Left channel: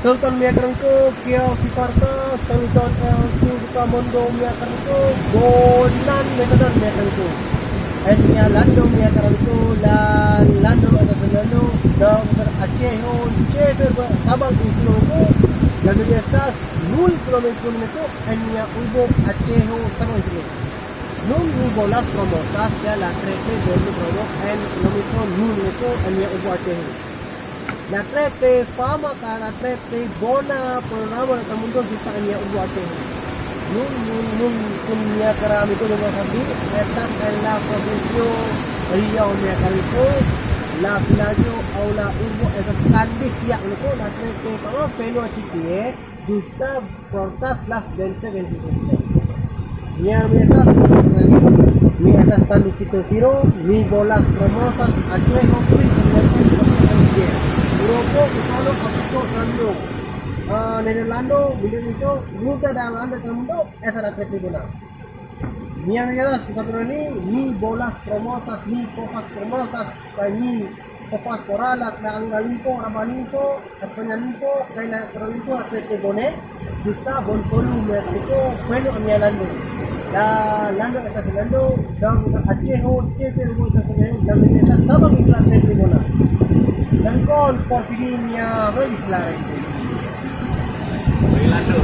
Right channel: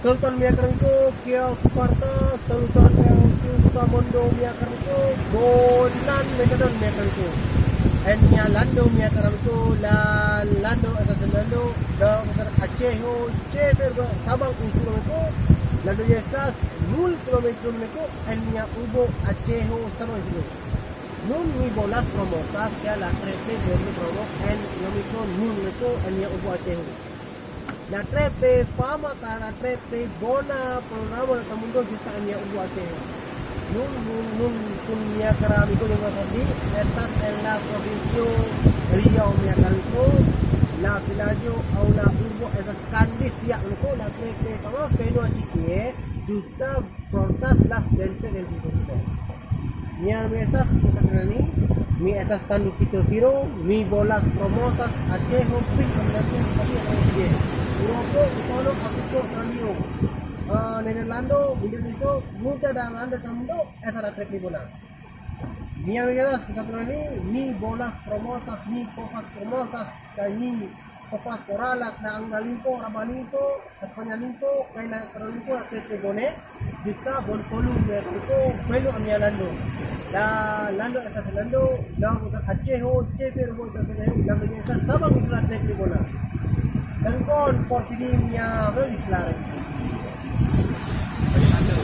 Sultan miyakan ko kia kiparta Sultan LQ Kamondo miyakan ko Bonan metodan miyakan ko Enya lando miyakan ko la lando atas lando da Aceh ho Aceh sabang usulo ko lando biasas 0 kilometer ko enya ubo Aceh ho sama isilo nun ni bolas promosas ya la trepe bolu promo en kilometer nun ko enya ubo Aceh ho la trepe fama ka la trepe bona programa ng mundo kita kanya ubuate nun kun niya karami ko yung sabi etat en la provincia Riau niya karito la vilaggio au la urbo esas kandis ya ko la trepe fama peno chitie justa portas las dente del distrito niya mi esas mi esas tandu kito piro mi bolas promosas Aceh pin con Eropa, Kusalo, Afrika, Ranyo, Nederlando, Indonesia, muda dalam anda mundo, esa trepe bona. Niya regalas kita ni bolas promosas, ni popas promosas, ni popas koralat na ang nalimpo, rabalimpo, Espanya limpo, kay na karolimpo at trepe bone, bista bon polu merito, bueno amia lando. La lando esa lando, dang Aceh ho, trepe rubo esa lando esa sabang iklan trepe bona. Dan kon Porfiria Islam. Lando.